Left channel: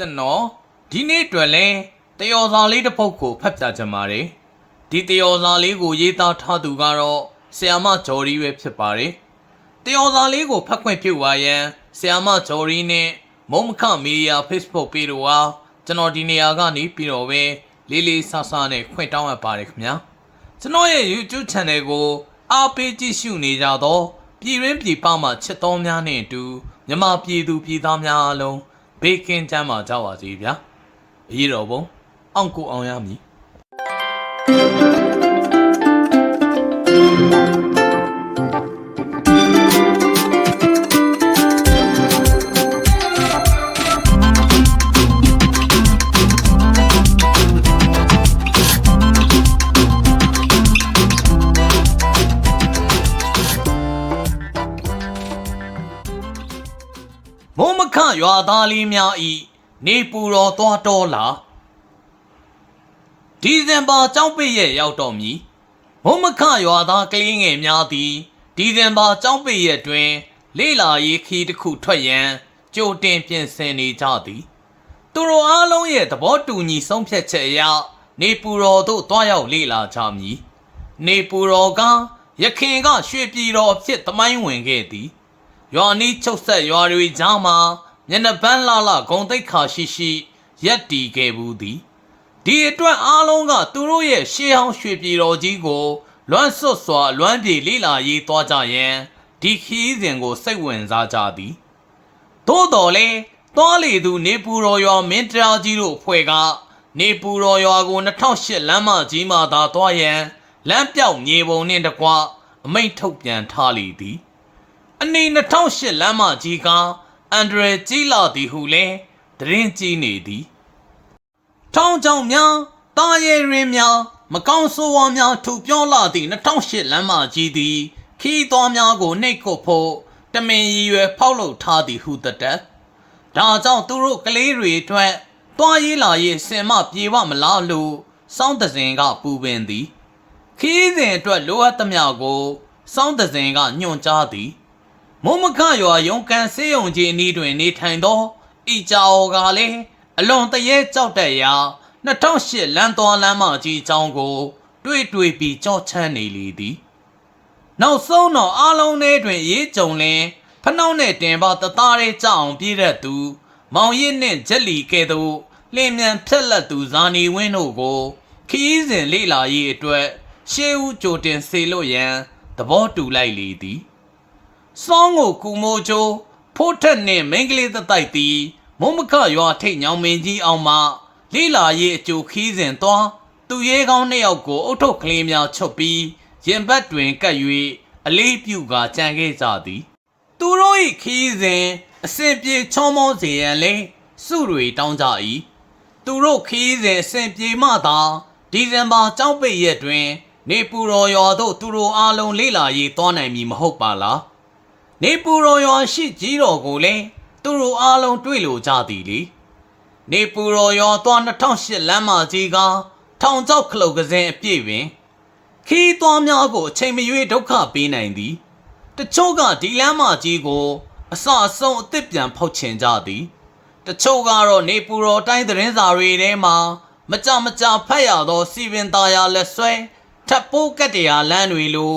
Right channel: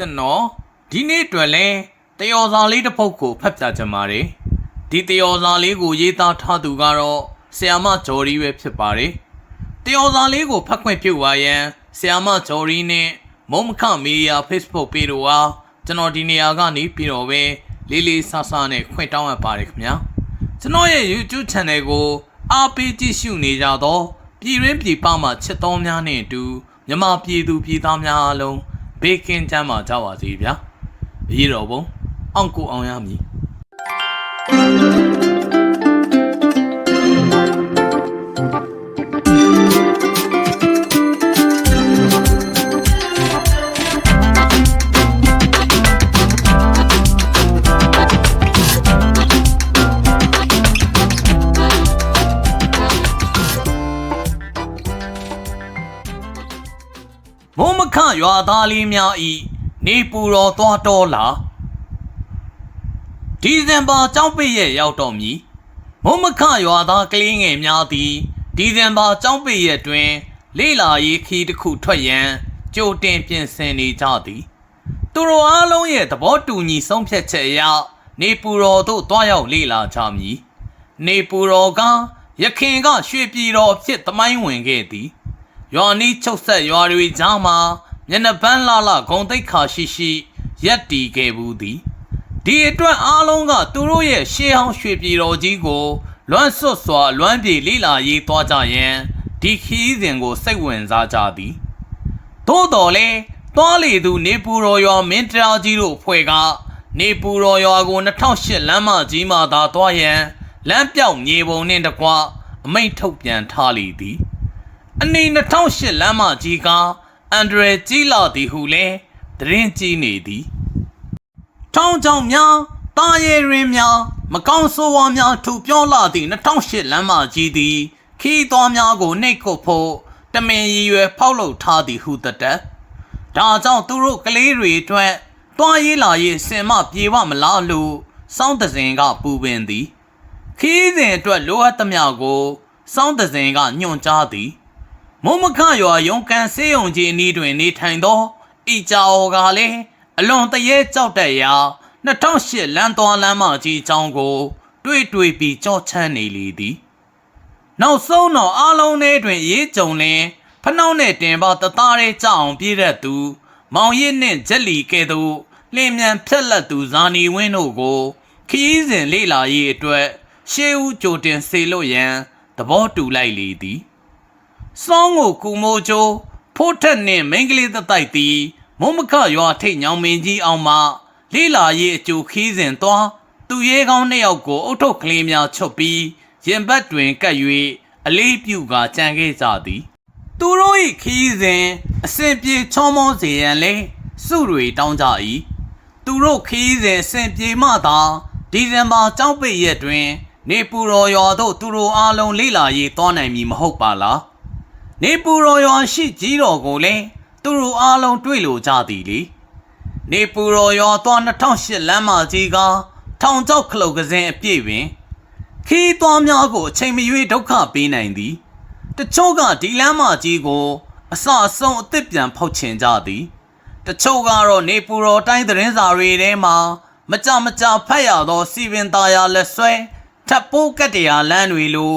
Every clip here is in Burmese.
ကျွန်တော်ဒီနေ့အတွက်လဲတယောစာလေးတစ်ပုဒ်ကိုဖတ်ပြချင်ပါတယ်ဒီတယောစာလေးကိုရေးသားထားသူကတော့ဆီယာမဂျော်ရီပဲဖြစ်ပါတယ်တယောစာလေးကိုဖတ်ခွင့်ပြုပါရန်ဆီယာမဂျော်ရီနဲ့မုံမခမီဒီယာ Facebook ပေတို့ဟာကျွန်တော်ဒီနေရာကနေပြီးတော့ပဲလေးလေးဆဆနဲ့ခွင့်တောင်းအပ်ပါတယ်ခင်ဗျာကျွန်တော်ရဲ့ YouTube Channel ကိုအားပေးကြည့်ရှုနေကြတော့ပြည်ရင်းပြည်ပမှချစ်တော်များနဲ့အတူမြန်မာပြည်သူပြည်သားများအားလုံး ဘေးကင်းချမ်းသာကြပါစေဗျာအရေးတော်ပုံအောင်ကိုအောင်ရမည် ရွာသားလေးများဤနေပူတော်သွားတော်လာဒီဇင်ဘာကြောက်ပိတ်ရဲ့ရောက်တော်မူမုံမခရွာသားကလေးငယ်များသည်ဒီဇင်ဘာကြောက်ပိတ်ရဲ့တွင် လေလာရေးခီးတစ်ခုထွက်ရန်ကြိုတင်ပြင်ဆင်နေကြသည်သူတို့အားလုံးရဲ့သဘောတူညီဆုံးဖြတ်ချက်အရနေပူတော်သို့တွားရောက်လေလာကြမည်နေပူတော်ကရခင်ကရွှေပြည်တော်ဖြစ်သမိုင်းဝင်ခဲ့သည်ရွာနီးချုပ်ဆက်ရွာတွေကြားမှာ မျက်နှာပန်းလာလာဂုံတိတ်ခါရှိရှိရက်တီခဲ့ဘူးသည်ဒီအတွက်အားလုံးကသူတို့ရဲ့ရှေးဟောင်းရွှေပြည်တော်ကြီးကို လွမ်းဆွတ်စွာလွမ်းပြေလိလာရေးသွားကြရန်ဒီခီးစဉ်ကိုစိတ်ဝင်စားကြသည်သို့တော်လဲသွားလေသူနေပူတော်ရွာမင်းတရားကြီးတို့ဖွဲ့ကနေပူတော်ရွာကို2008လမ်းမကြီးမှသာသွားရန်လမ်းပြောက်မြေပုံနှင့်တကွအမိန့်ထုတ်ပြန်ထားလေသည် အနီ2008လမ်းမကြီးက အန်ဒရယ်ကြီးလာသည်ဟုလဲသတင်းကြီးနေသည်ထောင်းချောင်းများတာရဲရင်းများမကောင်းဆိုးဝါးများထူပြောလာသည့်2008လမ်းမကြီးသည် ခီးသွားများကိုနှိတ်ကုတ်ဖို့တမင်ရည်ရွယ်ဖောက်လုပ်ထားသည်ဟုတသက်ဒါကြောင့်သူတို့ကလေးတွေအတွက်တွားရေးလာရေးစင်မပြေဝမလားလို့စောင်းတစင်ကပူပင်သည် ခီးစဉ်အတွက်လိုအပ်သမျှကိုစောင်းတစင်ကညွှန်ကြားသည် မုံမခရွာရုံကန်စေးုံကြီးအနီးတွင်နေထိုင်သောဤကြောကလည်းအလွန်တရေကြောက်တက်ရာ2008လမ်းတော်လမ်းမကြီးအကြောင်းကို တွေ့တွေ့ပြီးကြောချမ်းနေလေသည် နောက်ဆုံးတော့အားလုံးထဲတွင်ရေးကြုံလင်ဖနှောင်းနဲ့တင်ပါတသားရဲကြအောင်ပြည့်တတ်သူ မောင်ရစ်နှင့်ဂျက်လီကဲ့သို့လင်းမြန်ဖြက်လက်သူဇာနီဝင်းတို့ကိုခီးစဉ်လေးလာရေးအတွက်ရှေးဦးကြိုတင်စေလို့ရန်သဘောတူလိုက်လေသည် စောင်းကိုကူမိုးချိုးဖိုးထက်နှင့်မိန်းကလေးသက်တိုက်သည်မုံမခရွာထိတ်ညောင်မင်းကြီးအောင်မှလိလာရေးအကျိုခီးစဉ်သွားသူရဲကောင်းနှစ်ယောက်ကိုအုတ်ထုတ်ကလေးများချုပ်ပြီးရင်ဘတ်တွင်ကပ်၍အလေးပြုကာကြံခဲ့ကြသည် သူတို့၏ခီးစဉ်အစဉ်ပြေချောမောစေရန်လဲစုတွေတောင်းကြ၏သူတို့ခီးစဉ်အစဉ်ပြေမှသာဒီဇင်ဘာကျောင်းပိတ်ရက်တွင် နေပူတော်ရွာသို့သူတို့အားလုံးလေးလာရေးသွားနိုင်မည်မဟုတ်ပါလား နေပူရောရွာရှိကြီးတော်ကိုလည်းသူတို့အားလုံးတွေ့လို့ကြသည်လေနေပူရောရွာသွား2008လမ်းမကြီးကထောင်ချောက်ခလုတ်ကစင်းအပြည့်ပင်ခီးသွားများကိုအချိန်မရွေးဒုက္ခပေးနိုင်သည်တချို့ကဒီလမ်းမကြီးကို အစအဆုံးအသစ်ပြန်ဖောက်ချင်ကြသည်တချို့ကတော့နေပူရောတိုင်းသတင်းစာတွေထဲမှာမကြမကြဖတ်ရသောစီပင်သားရလက်ဆွဲထပ်ပိုးကတ်တရားလမ်းတွေလို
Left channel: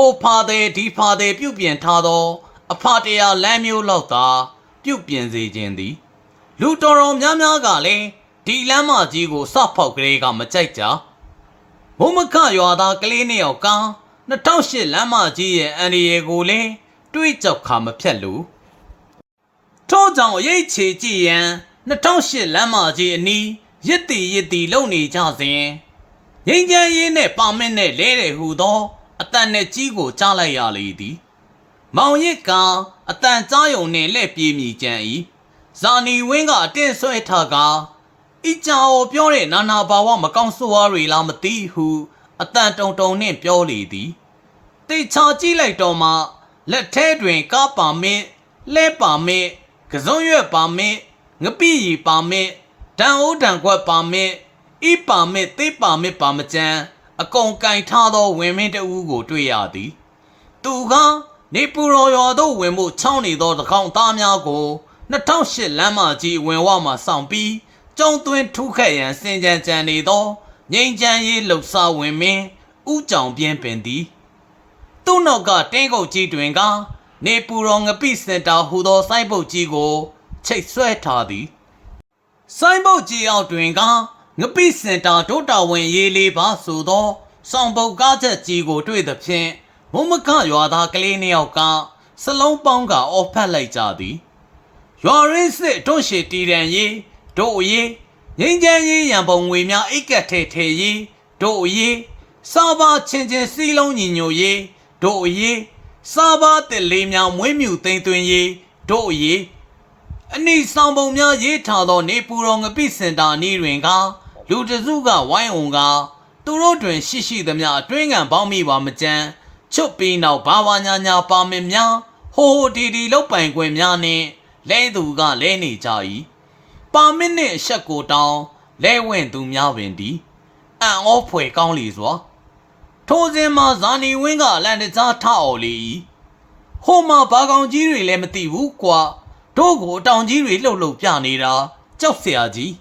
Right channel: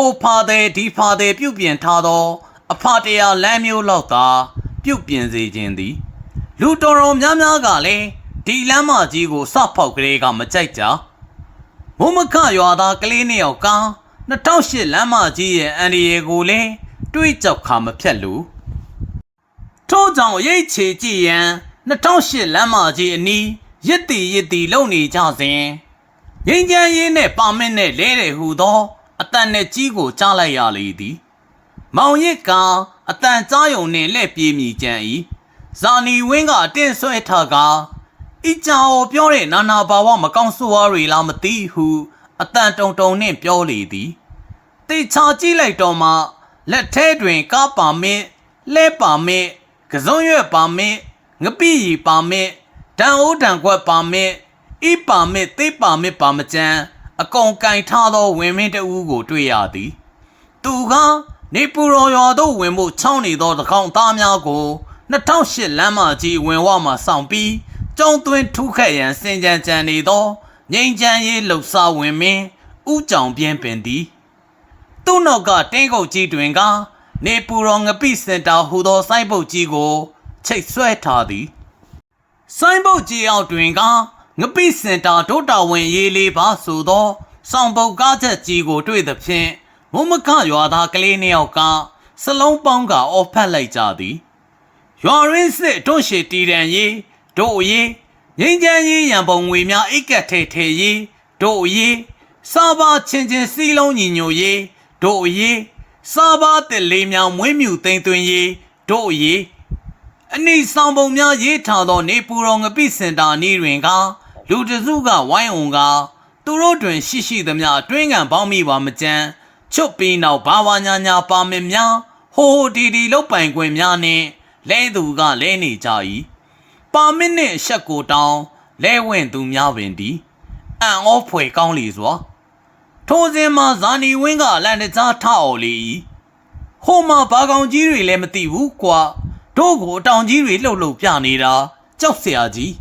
ဟိုဖာတဲ့ဒီဖာတဲ့ပြုတ်ပြင်ထားသော အဖတရားလမ်းမျိုးလောက်သာပြုတ်ပြင်စေခြင်းသည် လူတော်တော်များများကလည်းဒီလမ်းမကြီးကိုစဖောက်ကလေးကမကြိုက်ကြမုံမခရွာသားကလေးနှစ်ယောက်က2008လမ်းမကြီးရဲ့အန်ဒီယေကိုလည်းတွေးကြောက်ခါမဖြတ်လို့ထို့ကြောင့်ရိတ်ချေကြည့်ရန်2008လမ်းမကြီးအနီးရစ်တီရစ်တီလုံနေကြစဉ်ငိမ့်ချမ်းရေးနဲ့ပါမစ်နဲ့လဲတယ်ဟူသော အတန်နဲ့ကြီးကိုကြားလိုက်ရလေသည် မောင်ရစ်ကအတန်ကြားယုံနှင့်လက်ပြေးမိကြံ၏ဇာနီဝင်းကအတင်းဆွဲထားကဤကြောင်ပြောတဲ့နာနာဘာဝမကောင်းဆိုးဝါးတွေလားမသိဟုအတန်တုံတုံနှင့်ပြောလေသည်တေချာကြည့်လိုက်တော့မှလက်ထဲတွင်ကားပါမစ်လဲပါမစ်ကစုံရွက်ပါမစ်ငပိရီပါမစ်ဒန်အိုးဒန်ခွက်ပါမစ်ဤပါမစ်သေးပါမစ်ပါမကျန် အကုန်ကင်ထားသောဝင်မင်းတဦးကို တွေ့ရသည် သူကနေပူရော်ရွာသို့ဝင်ဖို့ချောင်းနေသောတကောင်သားများကို2008လမ်းမကြီးအဝင်ဝမှာစောင့်ပြီးကျုံသွင်းထုခတ်ရန်စင်ကြံကြံနေသောငိမ့်ချမ်းရေးလှုပ်ရှားဝင်မင်းဥကြောင်ပြင်းပင်သည် သူ့နောက်ကတင်းကုတ်ကြီးတွင်ကနေပူရောငပိစင်တာဟူသောစိုင်းပုတ်ကြီးကို ချိတ်ဆွဲထားသည် စိုင်းပုတ်ကြီးအောက်တွင်က ငပိစင်တာဒုတာဝင်ရေးလေးပါဆိုသောစောင်ပုတ်ကားချက်ကြီးကိုတွေ့သဖြင့်မုံမခရွာသားကလေးနှစ်ယောက်ကစလုံးပေါင်းကအော်ဖက်လိုက်ကြသည်ရွာရင်းစစ်တွန့်ရှည်တီရန်ရေးတို့အရေးငိမ့်ချမ်းရေးရန်ပုံငွေများအိတ်ကက်ထဲထဲရေးတို့အရေးစာပါချင်းချင်းစီလုံးညီညွတ်ရေးတို့အရေးစာပါတက်လေးများမွေးမြူသိမ့်သွင်းရေးတို့အရေးအနိဆောင်ပုံများရေးထားသောနေပူတော်ငပိစင်တာနေတွင်က လူတစုကဝိုင်းအောင်ကသူတို့တွင်ရှိရှိသမျှအတွင်းကန်ပေါင်းမိပါမကြမ်းချွတ်ပြီးနောက်ဘာဝညာညာပါမင်များဟိုဟိုတီတီလုတ်ပိုင်ခွင့်များနှင့်လဲသူကလဲနေကြ၏ပါမစ်နှင့်အဆက်ကိုတောင်းလဲဝင်သူများပင်သည်အံ့ဩဖွယ်ကောင်းလီစွာ ထိုစဉ်မှာဇာနီဝင်းကလန်တကြားထအော်လေ၏ဟိုမှာဘာကောင်ကြီးတွေလည်းမသိဘူးကွာတို့ကိုအတောင်ကြီးတွေလှုပ်လှုပ်ပြနေတာကြောက်เสียကြီး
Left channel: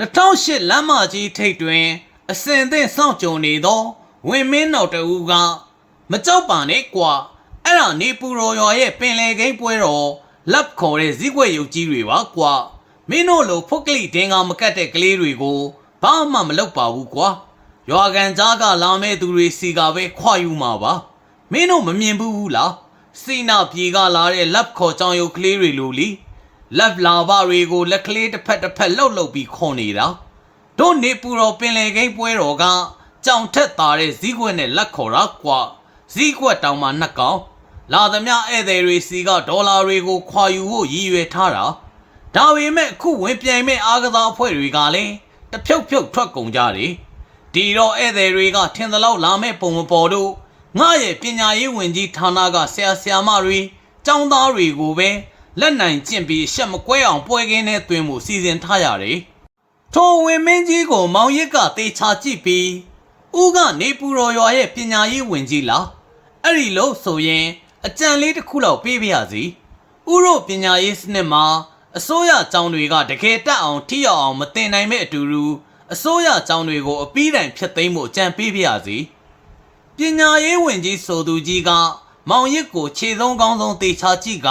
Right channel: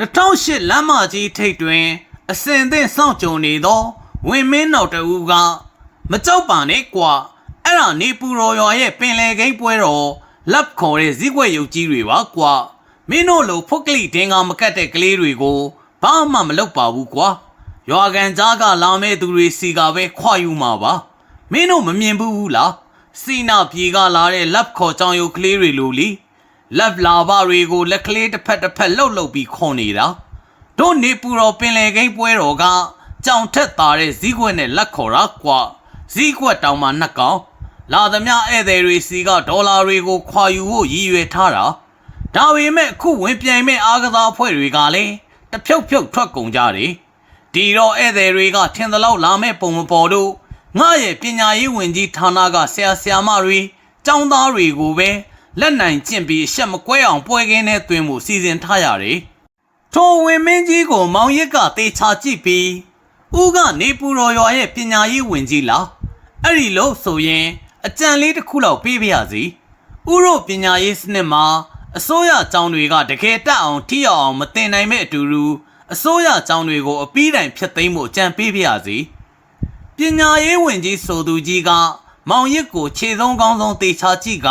2008လမ်းမကြီးထိပ်တွင် အစင်သင့်စောင့်ကြုံနေသောဝင်မင်းနောက်တဦးကမကြောက်ပါနဲ့ကွာအဲ့ဒါနေပူရော်ရွာရဲ့ပင်လေကိန်းပွဲတော်လက်ခေါ်တဲ့ဇီးကွက်ရုပ်ကြီးတွေပါကွာမင်းတို့လိုဖုတ်ကလိတင်းကမကတ်တဲ့ကလေးတွေကိုဘာမှမလုပ်ပါဘူးကွာရွာကန်ကြားကလာမဲ့သူတွေစီကပဲခွာယူမှာပါမင်းတို့မမြင်ဘူးလားစီနာပြေကလာတဲ့လက်ခေါ်ကြောင်ရုပ်ကလေးတွေလိုလीလ က်လာဘတွေကိုလက်ကလေးတစ်ဖက်တစ်ဖက်လှုပ်လှုပ်ပြီးခွန်နေတာတို့နေပူတော်ပင်လေကိန်းပွဲတော်ကကြောင်ထက်သားတဲ့ဇီးကွက်နဲ့လက်ခေါ်တာကွာဇီးကွက်တောင်မှနှစ်ကောင်လာသမျှဧည့်သည်တွေစီကဒေါ်လာတွေကိုခွာယူဖို့ရည်ရွယ်ထားတာဒါပေမဲ့အခုဝင်ပြိုင်မဲ့အားကစားအဖွဲ့တွေကလည်းတဖြုတ်ဖြုတ်ထွက်ကုန်ကြတယ်ဒီတော့ဧည့်သည်တွေကထင်သလောက်လာမဲ့ပုံမပေါ်တို့ငါရဲ့ပညာရေးဝန်ကြီးဌာနကဆရာဆရာမတွေကျောင်းသားတွေကိုပဲ လက်နိုင်ကျင့်ပြီးအဆက်မကွဲအောင်ပွဲကင်းနဲ့တွင်မှုစီစဉ်ထားရတယ်။ထိုဝင်မင်းကြီးကိုမောင်ရစ်ကတေချာကြည့်ပြီးဦးကနေပူတော်ရွာရဲ့ပညာရေးဝန်ကြီးလားအဲ့ဒီလို့ဆိုရင်အကြံလေးတစ်ခုလောက်ပေးပါရစီ။ဦးတို့ပညာရေးစနစ်မှာအစိုးရကျောင်းတွေကတကယ်တက်အောင်ထိရောက်အောင်မတင်နိုင်မဲ့အတူတူအစိုးရကျောင်းတွေကိုအပီးတိုင်ဖျက်သိမ်းဖို့ကြံပေးပါရစေ။ပညာရေးဝန်ကြီးဆိုသူကြီးကမောင်ရစ်ကိုခြေဆုံးကောင်းဆုံးတေချာကြည့်က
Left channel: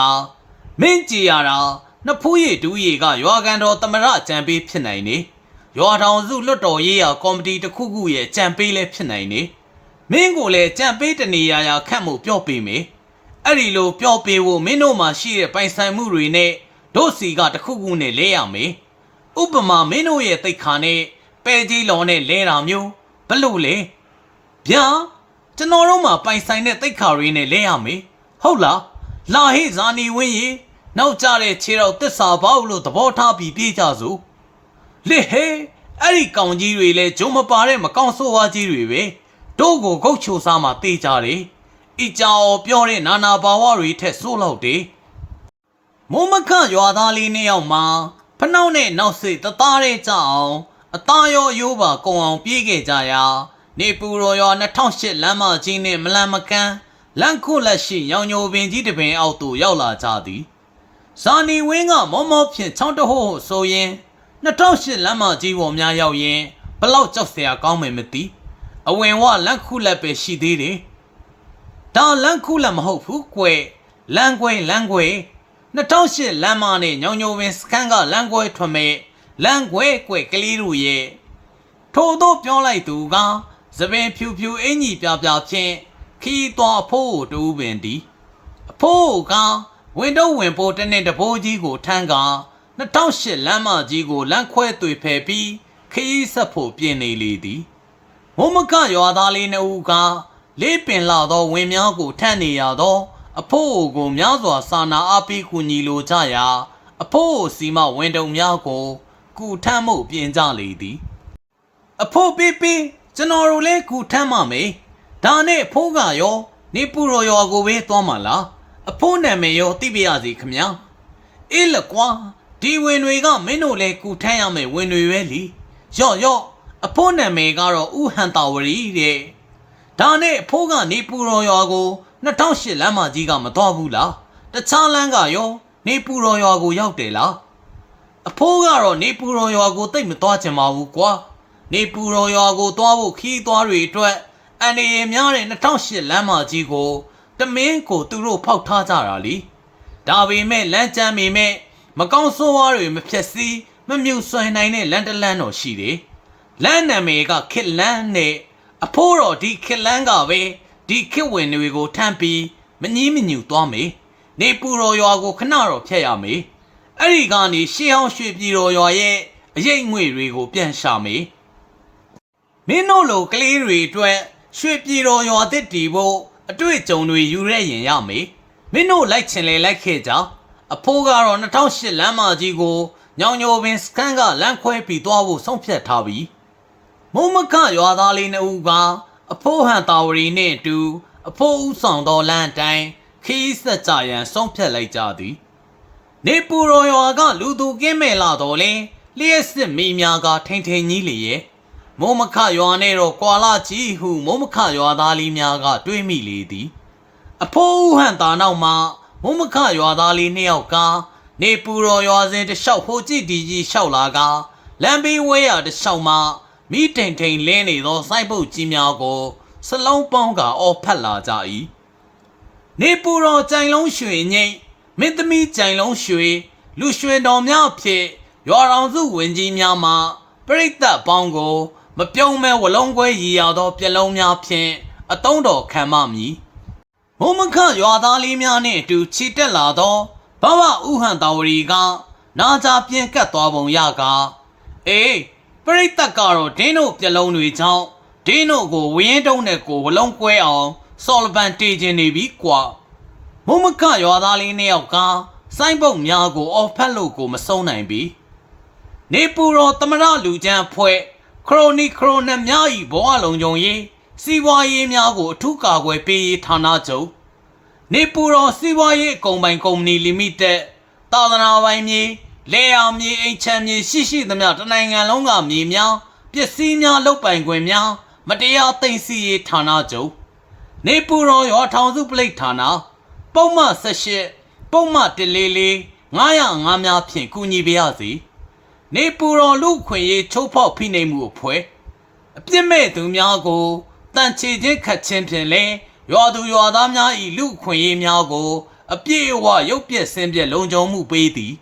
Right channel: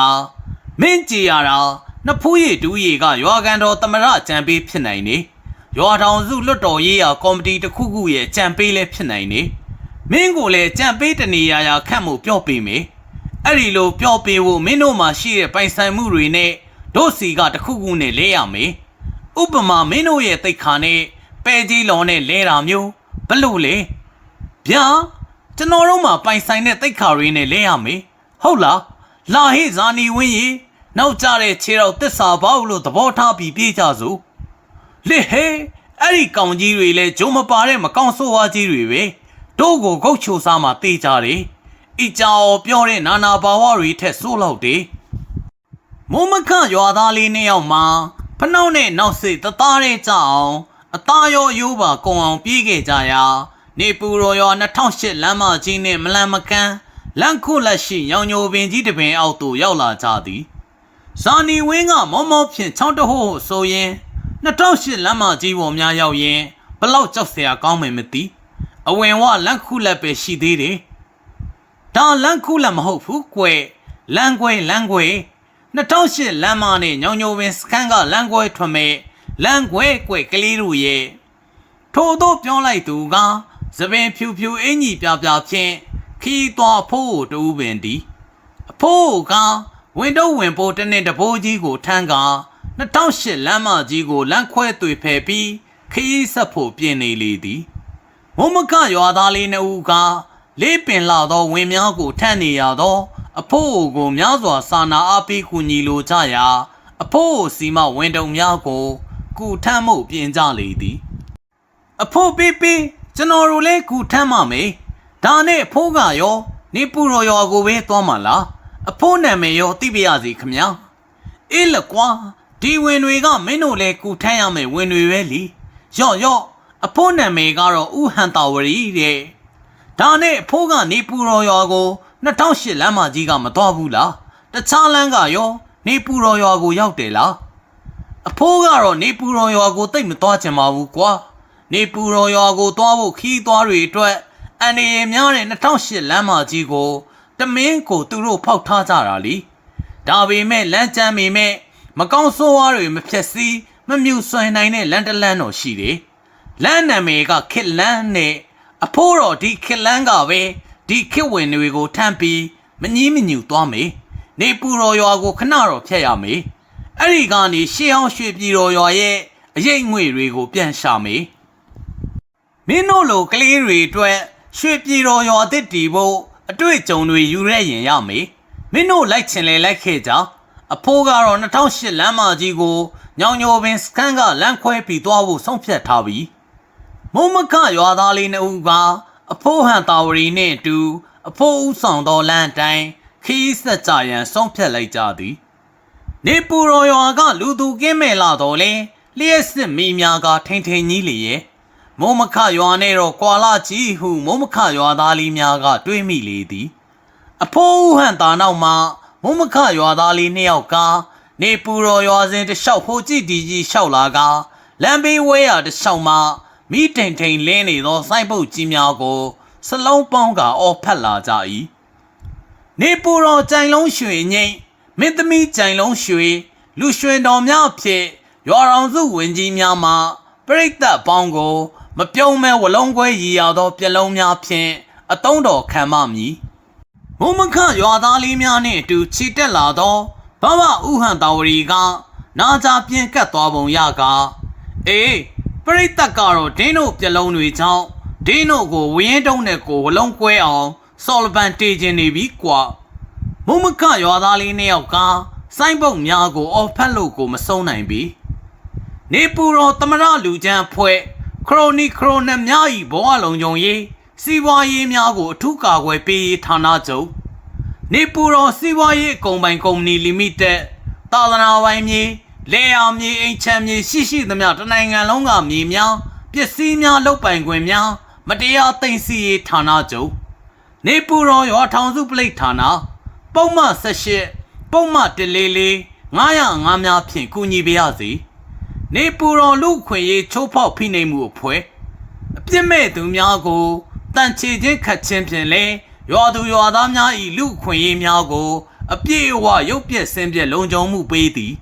မင်းကြည်ရတာနှစ်ဖူးရည်ဒူးရည်ကရွာကန်တော်တမရကြံပေးဖြစ်နိုင်နေ။ရွာထောင်စုလွတ်တော်ရေးရာကော်မတီတစ်ခုခုရဲ့ကြံပေးလည်းဖြစ်နိုင်နေ။မင်းကိုလည်းကြံပေးတနေရာရာခန့်မှုပြော့ပေးမယ်။အဲ့ဒီလိုပြော့ပေးဖို့မင်းတို့မှာရှိတဲ့ပိုင်ဆိုင်မှုတွေနဲ့တို့စီကတစ်ခုခုနဲ့လဲရမယ်။ဥပမာမင်းတို့ရဲ့တိတ်ခါနဲ့ပဲကြီးလော်နဲ့လဲတာမျိုးဘလို့လဲဗျာကျွန်တော်တို့မှာပိုင်ဆိုင်တဲ့တိတ်ခါရင်းနဲ့လဲရမယ်ဟုတ်လား လာဟိဇာနီဝင်းကြီးနောက်ကြတဲ့ခြေတော်တစ္ဆာဘောက်လို့သဘောထားပြီးပြေးကြစို့လေဟဲအဲ့ဒီကောင်ကြီးတွေလဲဂျုံမပါတဲ့မကောင်းဆိုးဝါးကြီးတွေပဲတို့ကိုဂုတ်ချိုစားမှတေးကြတယ်အကြော်ပြောတဲ့နာနာဘာဝတွေထက်ဆိုးလောက်တယ်မုံမခရွာသားလေးနှစ်ယောက်မှာဖနှောက်နဲ့နောက်စိတ်တသားတဲ့ကြအောင်အသားရောအယိုးပါကုံအောင်ပြေးခဲ့ကြရာနေပူရောရွာ2008လမ်းမကြီးနဲ့မလန်မကန်း လန့်ခုလက်ရှိရောင်ညိုပင်ကြီးတစ်ပင်အောက်သို့ရောက်လာကြသည်ဇာနီဝင်းကမောမောဖြင့်ချောင်းတဟို့ဆိုရင်2008လမ်းမကြီးပေါ်များရောက်ရင်ဘလောက်ကြောက်စရာကောင်းမယ်မသိအဝင်ဝလန့်ခုလက်ပဲရှိသေးတယ်ဒါလန်ခုလည်းမဟုတ်ဘူးကွယ်လန်ကွယ်လန်ကွယ်2008လမ်းမနဲ့ညောင်ညိုပင်စခန်းကလန်ကွယ်ထွန်မဲ့လန်ကွယ်ကွယ်ကလေးတို့ရဲ့ထို့သောပြောလိုက်သူကသပင်ဖြူဖြူအင်ကြီးပြပြဖြင့် ခီးသွားဖို့တူပင်သည်အဖိုးကဝင်တော့ဝင်ပိုးတစ်နှစ်တဘိုးကြီးကိုထမ်းက2008လမ်းမကြီးကိုလမ်းခွဲသွေဖယ်ပြီးခီးဆက်ဖို့ပြင်နေလေသည်မုံမကရွာသားလေးနှစ်ဦးကလေးပင်လာသောဝင်းများကိုထမ်းနေရသော အဖိုးကိုများစွာစာနာအားပေးကူညီလိုကြရာအဖိုးစီမဝင်းတုံများကိုကူထမ်းမှုပြင်ကြလေသည် အဖိုးပေးပေးကျွန်တော်တို့လည်းကူထမ်းပါမယ် ဒါနဲ့အဖိုးကရောနေပူရော်ရော်ကိုပဲသွားမှာလားအဖိုးနာမည်ရောသိပါရစေခမညာအေးလကွာဒီဝင်တွေကမင်းတို့လည်းကူထမ်းရမယ်ဝင်တွေပဲလीရော့ရော့အဖိုးနာမည်ကတော့ဥဟန်တာဝရီတဲ့ဒါနဲ့အဖိုးကနေပူရော်ရွာကို2008လမ်းမကြီးကမတော်ဘူးလားတခြားလမ်းကရောနေပူတော်ရွာကိုရောက်တယ်လားအဖိုးကတော့နေပူတော်ရွာကိုတိတ်မသွားချင်ပါဘူးကွာနေပူတော်ရွာကိုသွားဖို့ခီးသွားတွေအတွက် အန်ရီများတဲ့2008လမ်းမကြီးကိုတမင်းကိုသူတို့ဖောက်ထားကြတာလीဒါပေမဲ့လမ်းကျမ်းပေမဲ့မကောင်းဆိုးဝါးတွေမဖြက်စီးမမြူဆွင်နိုင်တဲ့လမ်းတစ်လမ်းတော်ရှိတယ်လမ်းနာမည်ကခစ်လန်းနဲ့အဖိုးတော်ဒီခစ်လန်းကပဲဒီခစ်ဝင်တွေကိုထမ်းပြီးမငီးမညူသွားမေနေပူတော်ရွာကိုခဏတော့ဖြတ်ရမေအဲ့ဒီကနေရှေးအောင်ရွှေပြည်တော်ရွာရဲ့အရေးငွေတွေကိုပြန်ရှာမေမင်းတို့လိုကလေးတွေအတွက် ရွှေပြည်တော်ရွာတစ်တီဖို့အတွေ့အကြုံတွေယူရရင်ရမေမင်းတို့လိုက်ချင်လေလိုက်ခဲ့ကြအဖိုးကတော့2008လမ်းမကြီးကိုညောင်ညိုပင်စကန်ကလမ်းခွဲပြီးသွားဖို့ဆုံးဖြတ်ထားပြီးမုံမခရွာသားလေးနှစ်ဦးကအဖိုးဟန်တာဝရီနှင့်အတူအဖိုးဦးဆောင်သောလမ်းအတိုင်းခီးဆက်ကြရန်ဆုံးဖြတ်လိုက်ကြသည် နေပူရောရွာကလူသူကင်းမဲ့လာတော်လဲလျှက်စစ်မိများကထိန်ထိန်ကြီးလေရဲ့ မုံမခရွာနဲ့တော့ကွာလာကြီးဟုမုံမခရွာသားလေးများက တွေးမိလေသည် အဖိုးဦးဟန်တာနောက်မှာမုံမခရွာသားလေးနှစ်ယောက်ကနေပူရောရွာစဉ်တစ်လျှောက်ဟိုကြည့်ဒီကြီးလျှောက်လာကလမ်းဘေးဝဲရတစ်လျှောက်မှာမိတိန်ထိန်လင်းနေသောစိုက်ပုတ်ကြီးများကိုစလုံးပေါင်းကအော်ဖက်လာကြ၏နေပူရောကြိုင်လုံးရွှေငိမ့်မင်းသမီးကြိုင်လုံးရွှေလူရွှေတော်များအဖြစ်ရွာတော်စုဝင်ကြီးများမှပြိတ္တပေါင်းကို မပြုံးမဲဝလုံးခွဲရည်ရသောပြလုံးများဖြင့်အတုံးတော်ခံမမည်မုံမခရွာသားလေးများနှင့်အတူခြိတက်လာသောဘဝဥဟန်တာဝရီကနာကြပြင်းကတ်သွားပုံရကအေးပရိသတ်ကတော့ဒင်းတို့ပြလုံးတွေကြောင့်ဒင်းတို့ကိုဝင်းတုံးနဲ့ကိုဝလုံးကွဲအောင်ဆော်လပန်တေးခြင်းနေပြီကွာမုံမခရွာသားလေးနှစ်ယောက်ကစိုင်းပုတ်များကိုအော်ဖက်လို့ကိုမဆုံးနိုင်ပြီနေပူတော်တမရလူချမ်းဖွဲ့ ခရိုနီခရိုနက်များဤဘဝလုံးကြုံရေးစီးပွားရေးများကိုအထူးကာကွယ်ပေးရေးဌာနချုပ်နေပူတော်စီးပွားရေးအကုံပိုင်ကုမ္ပဏီလီမိတက်သာသနာပိုင်မြေလေယာမြေအိမ်ချမ်းမြေရှိရှိသမျှတနိုင်ငံလုံးကမြေများပစ္စည်းများလုတ်ပိုင်ခွင့်များမတရားသိမ်းဆည်းရေးဌာနချုပ်နေပူတော်ရောထောင်စုပလိတ်ဌာနပုံမှန်78ပုံမှန်144 905များဖြင့်ကူညီပေးရစီ နေပူတော်လူခွင့်ရေးချိုးဖောက်ဖိနှိပ်မှုအဖွဲ့ အပြစ်မဲ့သူများကိုတန်ချေခြင်းခတ်ခြင်းဖြင့်လည်းရွာသူရွာသားများ၏လူခွင့်ရေးများကို အပြည့်အဝရုပ်ပြက်ဆင်းပြက်လုံခြုံမှုပေးသည်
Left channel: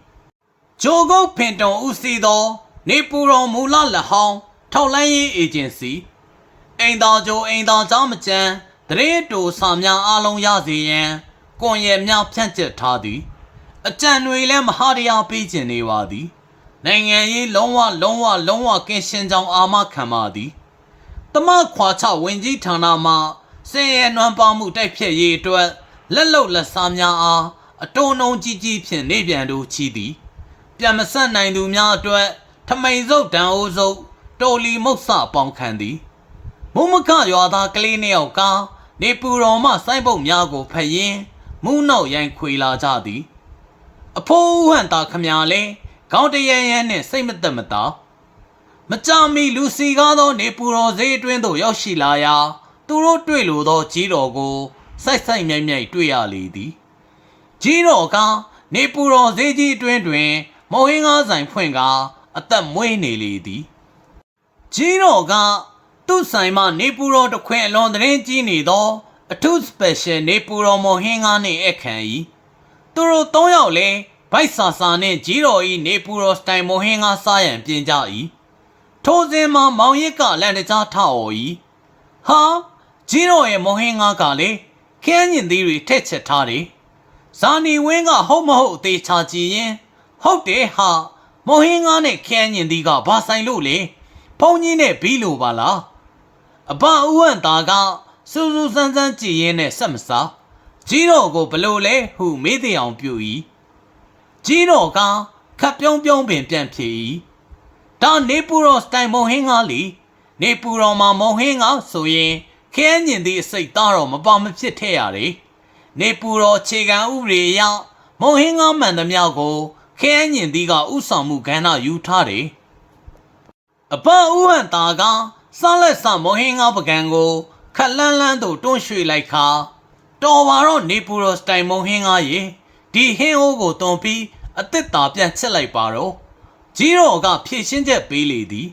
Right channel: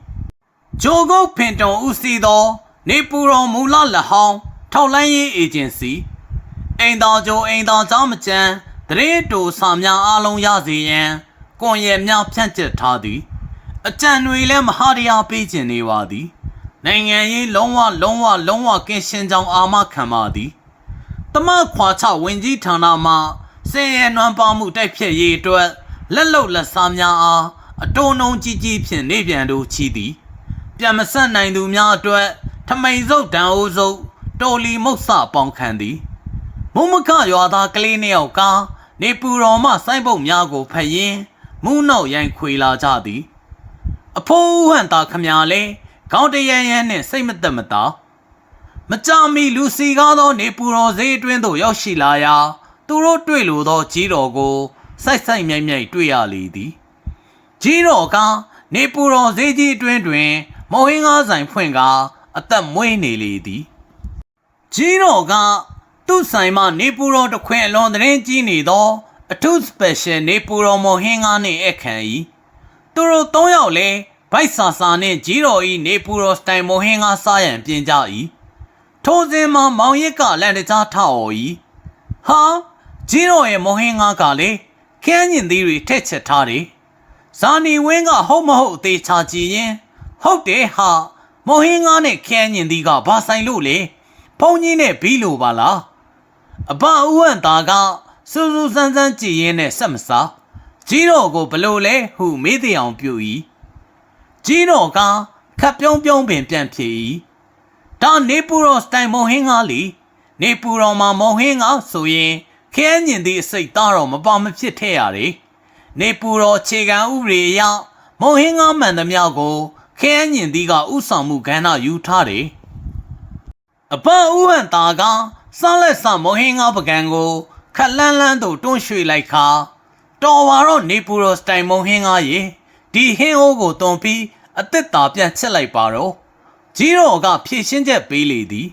ဂျိုဂုတ်ဖင်တုံဦးစီးသော နေပူတော်မူလလက်ဟောင်းထောက်လန်းရေးအေဂျင်စီအိမ်တော်ဂျိုအိမ်တော်เจ้าမကျန်းတရေတူစာများအားလုံးရစေရန်ကွန်ရက်များဖြန့်ကျက်ထားသည် အကြံတွေလည်းမဟာတရားပေးခြင်းနေပါသည် နိုင်ငံရေးလုံးဝလုံးဝလုံးဝကင်းရှင်းကြောင်းအာမခံပါသည်တမခွာချဝင်ကြီးဌာနမှစင်ရဲနွမ်းပါမှုတိုက်ဖြတ်ရေးအတွက်လက်လုံလက်စားများအားအတုံးနှုံကြီးကြီးဖြင့်နေပြန်တို့ချီသည်ပြန်မဆက်နိုင်သူများအတွက်ထမိန်စုပ်တန်အိုးစုပ်တော်လီမုတ်ဆပေါင်းခံသည်မုံမခရွာသားကလေးနှစ်ယောက်ကနေပူတော်မှစိုင်းပုတ်များကိုဖတ်ရင်းမူးနောက်ရိုင်ခွေလာကြသည် အဖိုးဟန်တာခမညာလဲ ခေါင်းတရရန်နှင့်စိတ်မသက်မသာမကြမီလူစီကားသောနေပူတော်ဈေးအတွင်းသို့ရောက်ရှိလာရာသူတို့တွေ့လိုသောကြီးတော်ကိုစိုက်စိုက်မြိုက်မြိုက်တွေ့ရလေသည်ကြီးတော်ကနေပူတော်ဈေးကြီးအတွင်းတွင် မော်ဟင်းကားဆိုင်ဖွင့်ကာအသက်မွေးနေလေသည်ကြီးတော်ကသူ့ဆိုင်မှနေပူတော်တစ်ခွင်အလွန်သတင်းကြီးနေသောအထူး special နေပူတော်မော်ဟင်းကားနှင့်အခမ်း၏သူတို့၃ယောက်လည်း ဗိုက်ဆာဆာနှင့်ကြီးတော်၏နေပူတော်စတိုင်မော်ဟင်းကားစားရန်ပြင်ကြ၏ထိုစဉ်မှာမောင်ရစ်ကလန်တကြားထအော်၏ဟာကြီးတော်ရဲ့မော်ဟင်းကားကလေခင်းညင်သီးတွေထက်ချက်ထားတယ်ဇာနီဝင်းကဟုတ်မဟုတ်အသေးချာကြည့်ရင်ဟုတ်တယ်ဟာမော်ဟင်းကားနဲ့ခင်းညင်သီးကဘာဆိုင်လို့လေဖုန်ကြီးနဲ့ဘီလိုပါလားအဘဦးဝန့်သားကစူးစူးစမ်းစမ်းကြည်ရင်းနဲ့ဆက်မစားကြီးတော်ကိုဘလို့လဲဟုမေးတဲ့အောင်ပြု၏ ကြီးတော်ကခပ်ပြုံးပြုံးပင်ပြန်ဖြေ၏ဒါနေပူတော်စတိုင်မော်ဟင်းကားလीနေပူတော်မှာမော်ဟင်းကားဆိုရင်ခရမ်းညင်သည့်အစိတ်သားတော်မပါမဖြစ်ထည့်ရတယ်နေပူတော်ခြေခံဥပဒေအရမော်ဟင်းကားမှန်သမျှကိုခရမ်းညင်သည့်ကဥဆောင်မှုကဏ္ဍယူထားတယ်အပဥဟန်တာကစားလက်စမော်ဟင်းကားပကံကိုခက်လန်းလန်းသို့တွန်းရွှေ့လိုက်ခါတော်ပါတော့နေပူတော်စတိုင်မုံဟင်းကားရေခဒီဟင်းအိုးကိုတွန်ပြီး အသက်တာပြန်ချက်လိုက်ပါတော့ကြီးတော်ကဖြည့်ရှင်းချက်ပေးလေသည်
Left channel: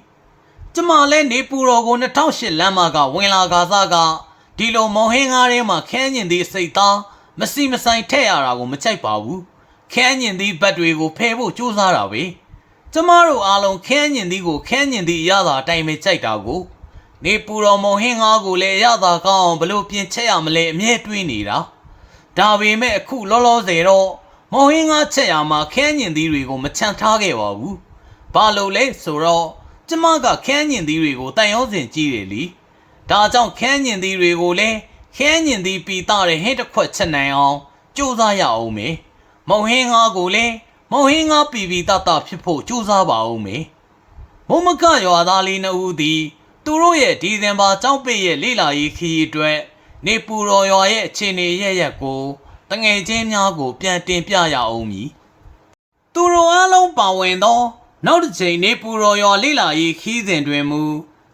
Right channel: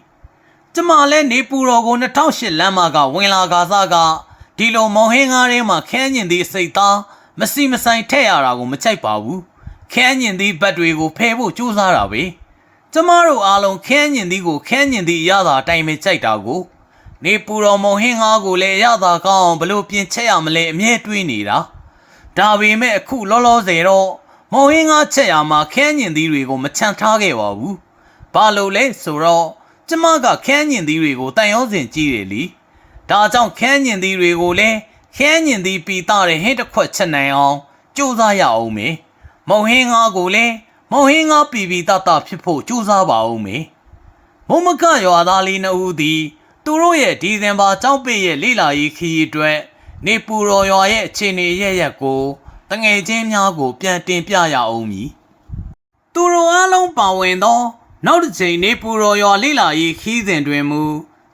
ကျမလည်းနေပူတော်ကို2008လမ်းမကဝင်လာကားစားကဒီလိုမော်ဟင်းကားထဲမှာခန်းညင်သည့်စိတ်သားမစီမဆိုင်ထည့်ရတာကိုမကြိုက်ပါဘူးခန်းညင်သည့်ဘက်တွေကိုဖယ်ဖို့ကြိုးစားတာပဲကျမတို့အားလုံးခန်းညင်သည့်ကိုခန်းညင်သည့်အရသာအတိုင်းပဲကြိုက်တာကိုနေပူတော်မုံဟင်းကားကိုလည်းအရသာကောင်းအောင်ဘလို့ပြင်ချက်ရမလဲအမြဲတွေးနေတာဒါပေမဲ့အခုလောလောဆယ်တော့ မုံဟင်းကားချက်ရမှာခန်းညင်သီးတွေကိုမချန်ထားခဲ့ပါဘူးဘာလို့လဲဆိုတော့ကျမကခန်းညင်သီးတွေကိုတန်ရောစင်ကြည့်တယ်လीဒါကြောင့်ခန်းညင်သီးတွေကိုလည်းခန်းညင်သီးပီတာတဲ့ဟင်းတစ်ခွက်ချက်နိုင်အောင်ကြိုးစားရအောင်မေမုံဟင်းကားကိုလည်းမုံဟင်းကားပီပီတတဖြစ်ဖို့ကြိုးစားပါအောင်မေမုံမကရွာသားလေးနှစ်ဦးသည်သူတို့ရဲ့ဒီဇင်ဘာကြောက်ပိတ်ရဲ့လိလာရေးခီးအတွက်နေပူတော်ရွာရဲ့အခြေအနေရရက်ကို တငယ်ချင်းများကို ပြန်တင်ပြရအောင်မည်သူတို့အားလုံးပါဝင်သော နောက်တစ်ချိန်နေပူတော်ရွာလိလာရေးခီးစဉ်တွင်မူ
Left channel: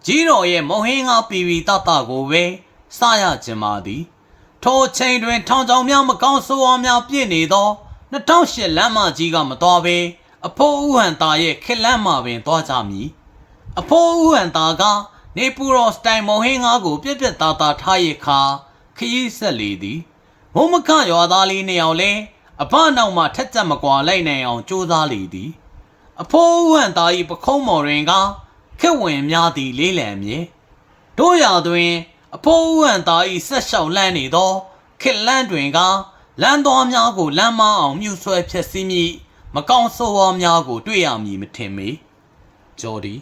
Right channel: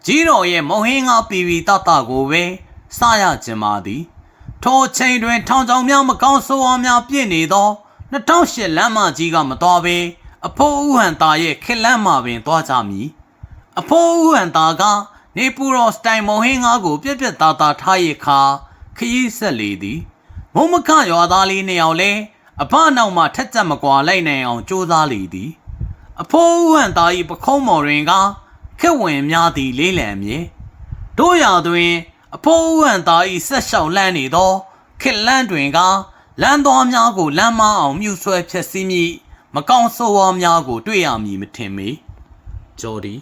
ကြီးတော်ရဲ့မုံဟင်းကားပီပီတတကိုပဲစရခြင်းပါသည်ထိုချိန်တွင် ထောင်ချောင်များမကောင်းဆိုးဝါးများပြည့်နေသော2008လမ်းမကြီးကမတော်ဘဲအဖိုးဥဟန်သားရဲ့ခက်လန့်မှာပင်သွားကြမည်အဖိုးဥဟန်သားကနေပူရောစတိုင်မုံဟင်းငါးကို ပြက်ပြက်သားသားထားရခါခရီးဆက်လေသည် မုံမခရွာသားလေးနှစ်ယောက်လဲအဖနောက်မှထက်ချက်မကွာလိုက်နိုင်အောင်ကြိုးစားလေသည် အဖိုးဥဟန်သား၏ပခုံးမော်တွင်ကခက်ဝင်များသည်လေးလံမြေတို့ရာတွင် အဖိုးဥဟန်သား၏ဆက်လျှောက်လန်းနေသောခက်လန်းတွင်ကလမ်းသွားများကိုလမ်းမအောင်မြူဆွဲဖြက်စီးမိမကောင်းဆိုးဝါးများကို တွေ့ရမည်မထင်မေဂျော်ဒီ